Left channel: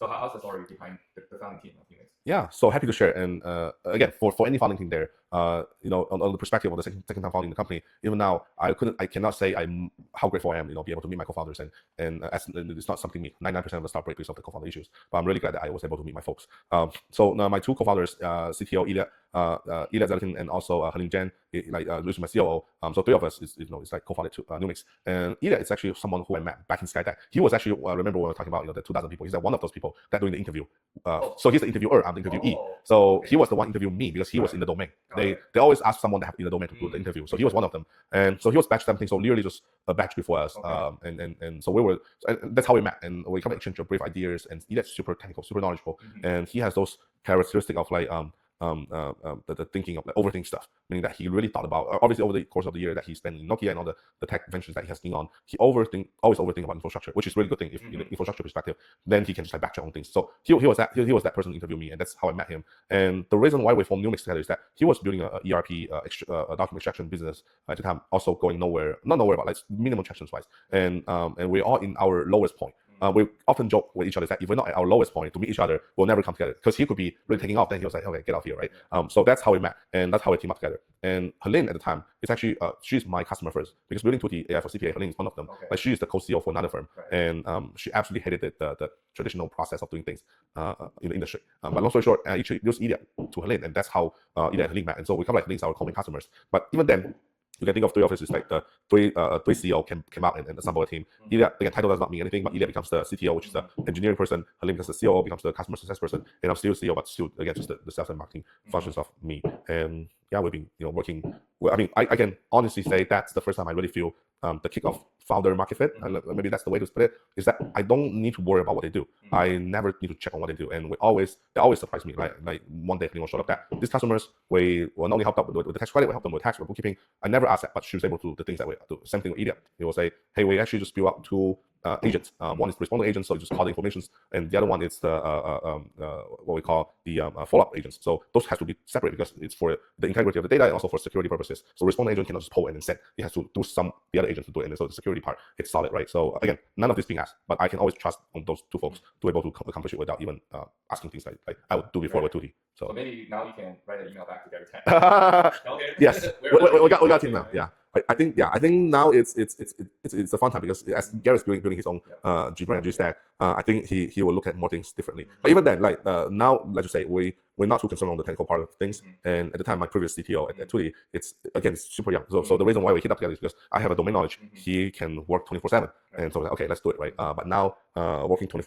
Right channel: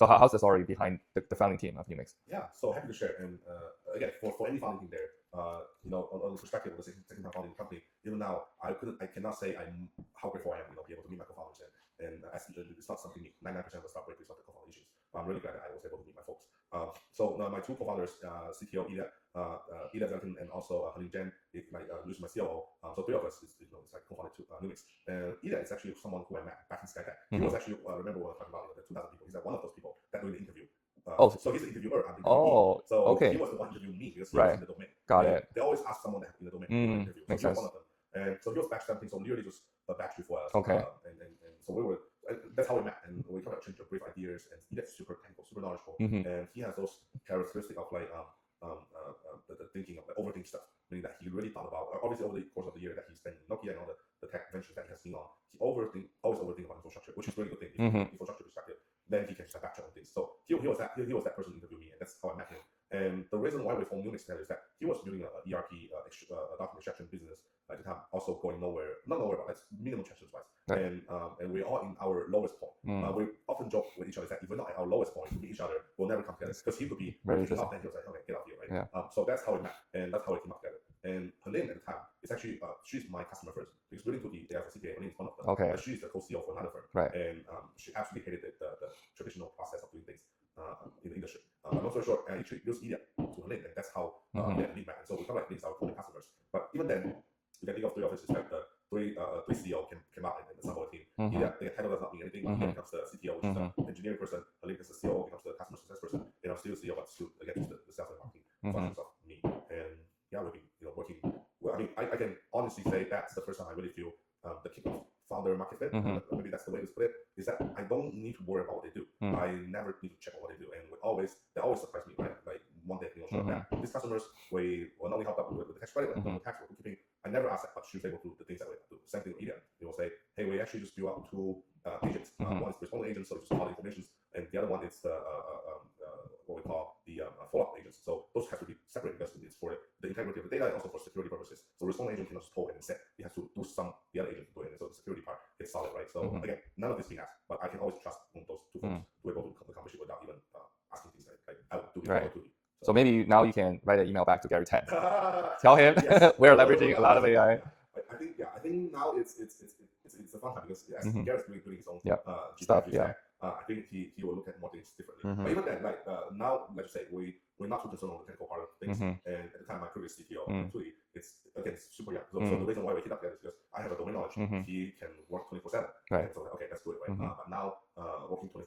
So how's the story behind the founding team of Numix? Yeah, so happy to share. And again, for any founding team there, on the perspective of the second time founding the company, even now I cannot say how grateful I am, be able to meet my co-founders and it's not something me. 99% of the start break because of the co-founder issues, but I'm really glad that I was able to meet my folks. So my two co-founders, CTO Ilia, and also Helene Jen, which is my COO. So three of us is like co-founded to Numix. And Ilia is actually someone who I met back in SkyDeck. He was actually remember when we were talking about the 2,000 people. He's like one of those people that doing the interview. So he's the interviewer, I'm the interviewee. So he was the one interviewing me because he was in the domain. They always ask someone that in the domain to do the interview. So he was one of them. And so he was batch 17, so literally just a batch before us. And so we were, and that's how we met. And we kind of exchanged brief ideas. And Ilia's super technical, super knowledgeable, and he has those characteristics of like the thinking of the overthinking stuff, meaning that he really thought about, obviously over the course of the year that he spent in Nokia and all the tech ventures that he has been on, he always overthink about infrastructure, which is a really good thing. If from an infrastructure perspective, then he can just like backtrack on things. So he was that person to interview me, and that's how I met him. And the reason why we formed Numix together is that he was building a ERP document extraction business at the time, also going not nowhere, but like minimum tractions wise. And we're all in our lowest point. We often joke with each other that if we're not at our lowest point to meet each other, we'll never come together, because he could be really taking off, then he was like, okay, get off here, right? So that's how we met, and that's how we team up together. And Helene at the time is actually she's my customer first, because building 2D AI for CPA, Helene is one of them. Like she is the co-CEO for another firm, and she absolutely hated the traditional process of doing things in the industry. But long story short, I introduced Ilia to Helene, and that's how Ilia and Helene met. And so we come like Helene's our common customers. But even then, you can think of three offices, like the three CEO came out and assemble a team. Ilia, again, title does not mean anything, but Ilia becomes the CTO, which is the engineering person. Helene becomes the COO, becomes the customer success person, and I'm still CEO, but still again just the sales and marketing functions of me. And yeah, we've been working. Well, I mean, I can honestly say that's the first time I really feel the kick of founder market fit, and maybe that's the way to put it, is that I don't need to worry about what they do. I never need to check on what they do, and they always surprise me. Like one day anyone showed up that these customers, we will not only help them with the tax credit, we help them with tax, with bookkeeping. I never asked that, but she was able to do the things that we do. Same thing with Ilia. He will say, hey, we actually just build up two agents. One is the responding agent, so you just call the information, and the other one is the what we call the follow-up agents. So those has to be separate because it's for the integrity of the data and also for security purposes. So responding agent cannot just pull and then send. It has to do the other agent to do it, and so the security part it's solid, right? So again, none of this being asked, but I can always trust on those two folks to be able to accomplish it without even asking things like I would do before with 2D. So maybe now you can write an email back to Gary Tang. Tell him. Yes, we got him now. Yeah. I think now it's a fun time, because as Gary's building his own G stack, I think he will look at more things differently. But even then, like now, let's just say we're not too concerned on the technical part of things. And at the time, my previous CTO at 2D, it's super young. So the reason why we hit up together is because I have a domain knowledge. He can work 24/7, and so okay, let's do it, right? But now working 24/7.